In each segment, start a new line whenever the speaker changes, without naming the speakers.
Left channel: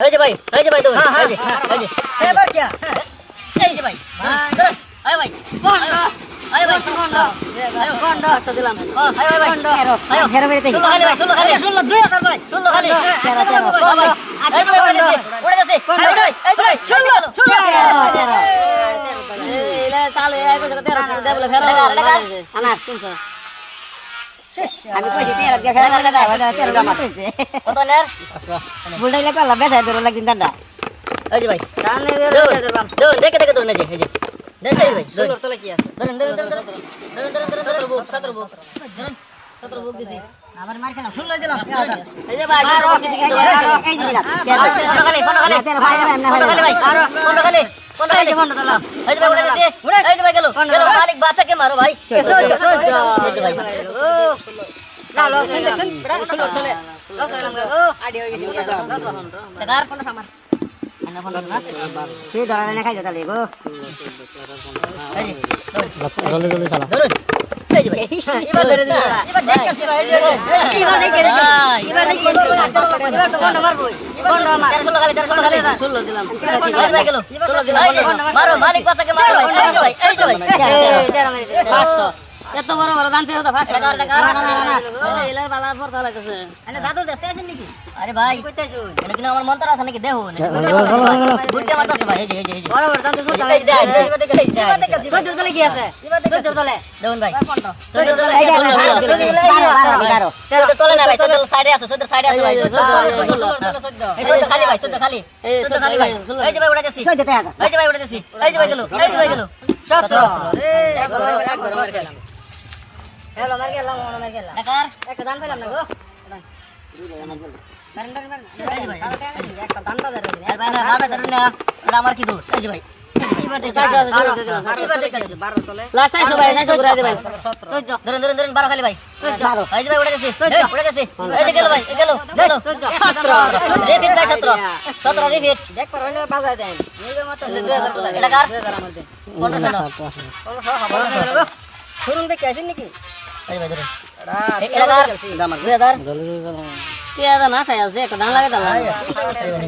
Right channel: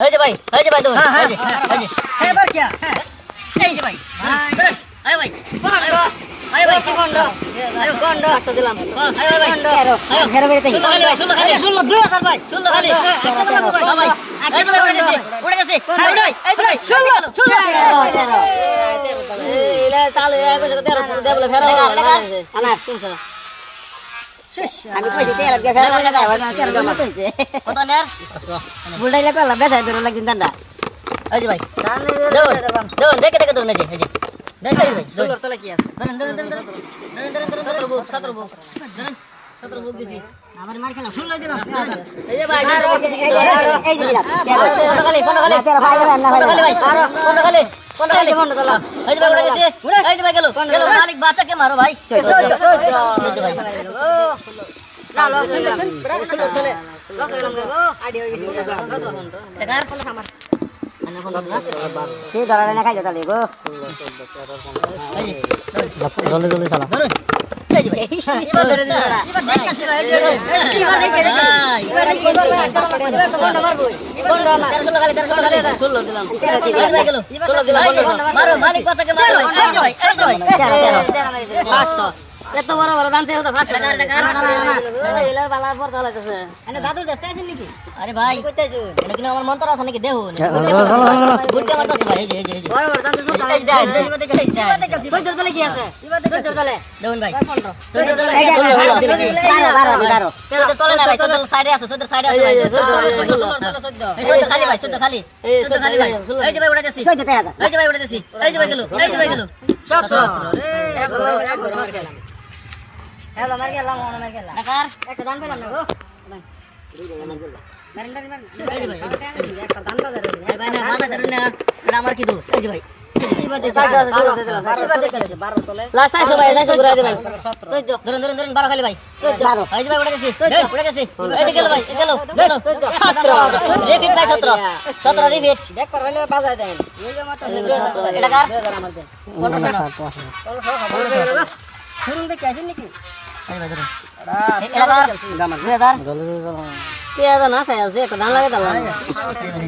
যে ভাই যে ভাই
হ্যাঁ, হ্যাঁ, এবার কি? হ্যাঁ।
এই যে ভাই। আয় ভাই আয় ভাই
তেরো,
দেবলে ফেরো
আমার
তিনশো।
আমি কইছি তেল দিয়ে ফেরা লাগে না ওই তেল জমা
কত নের
বুলটাইলে পেলা বেসাই দিল লাগি দান্দা
এই ভাই দৌড় দৌড় দেখে দেখে দৌড় না যে এই যে দেখে ভাই দৌড়
তলে কি আছে
ধরুন ধরুন ধরুন ধরুন ধরুন ধরুন বুক সতেরো বুক ধরুন বুক দিছি
আমার মার খেলা
ষোলো দিলাম,
এই যে ভাই সতেরো
এই যে দিলা
পনেরো খালি পনেরো খালি
ভাই না
পনেরো খালি ভাই
ভাই
খালি বাচ্চাকে মারো ভাই ভাই
তুই ধরা না খাইলে তাহলে গো
জলদি জলদি চালা মারো মালিক বাচ্চাকে মারো এই যে এই যে ভাই পাঁচশো এত বড় বড় দান থেকে পাঁচশো টাকা টাকা এলা বালা পর তাহলে কাছে
এনে দাদুর দেখতে আছেন নাকি?
আরে ভাই এটা কিন্তু আমার মন্ত্র আছে নাকি দেহ বুঝতে আছে ভাই এই যে এই যে এই যে এই যে, এই যে,
এবার দেখে- এবার দেখেছি ভাই।
দেখুন ভাই চোদ্দ তলে
এই যে,
ষোলো, ষোলো, ষোলো, ষোলো।
বারো বারো বারো
চোদ্দ তলে না ভাই চোদ্দ সাইডে আছে চোদ্দ সাইডে আছে ভাই, এই হ্যাঁ। এই চোদ্দ খালি ভাই চোদ্দ খালি চোদ্দ খালি ভাই এই যে ভাই উড়ে গেছি
টাকা
এই যে ভাই উড়ে গেছি এই যে ভাই গেল এই যে ভাই গেল সতেরো টাকার এই যে ভাই, এই যে। এই ভাই। না, না, ধরুন না, এটা আমার কি দোষ এই যে ভাই বারো খালি ভাই সতেরো।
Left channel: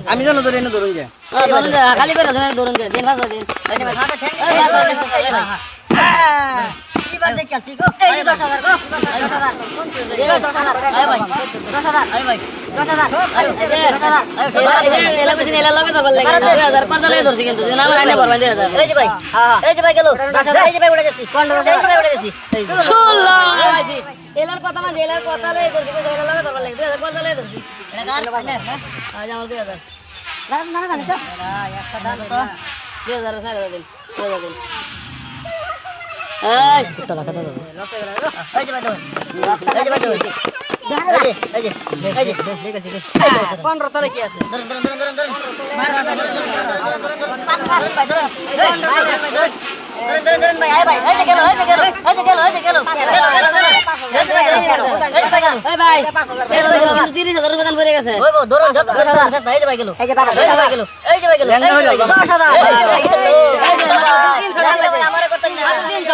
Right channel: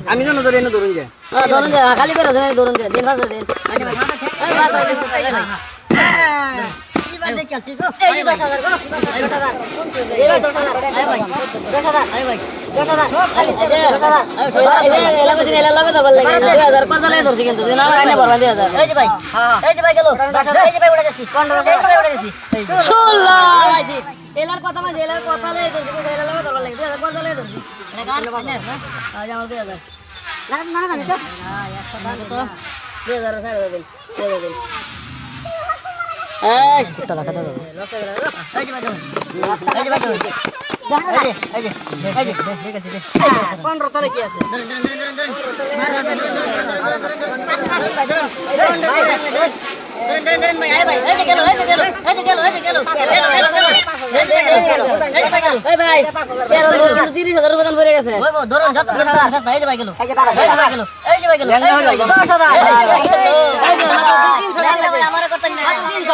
আমি জানো ধরে এনে ধরুন যে।
ধরুন যে খালি করে ধরুন ধরুন যে দিন ভাষা দিন। এই যে ভাই এই ভাষা দিন এই যে ভাই
হ্যাঁ, এবার দেখে আছি গো।
এই ভাই। আয় ভাই। আয় ভাই এই যে ভাই। এই যে ভাই গেল। এই যে ভাই উড়ে গেছি। এই যে ভাই উড়ে গেছি। ষোলো এলার কথা মানে এলার কথা লাই ধরছি। এলার লগে ধরবার লাগে। দুই হাজার কথা ধরছি। এটা কার? আজ আমার দুই হাজার। দুই হাজার সাড়ে হাজার দিন দুই হাজার দিন। এই তোলা খাতা দাও এই যে ভাই দাও এই যে এই যে তিরিশ হাজার রুপে দান পড়ে গেছে তিনশো টাকা লাগে আমার করতেন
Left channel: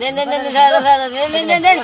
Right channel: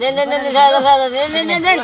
নিন নিন নিন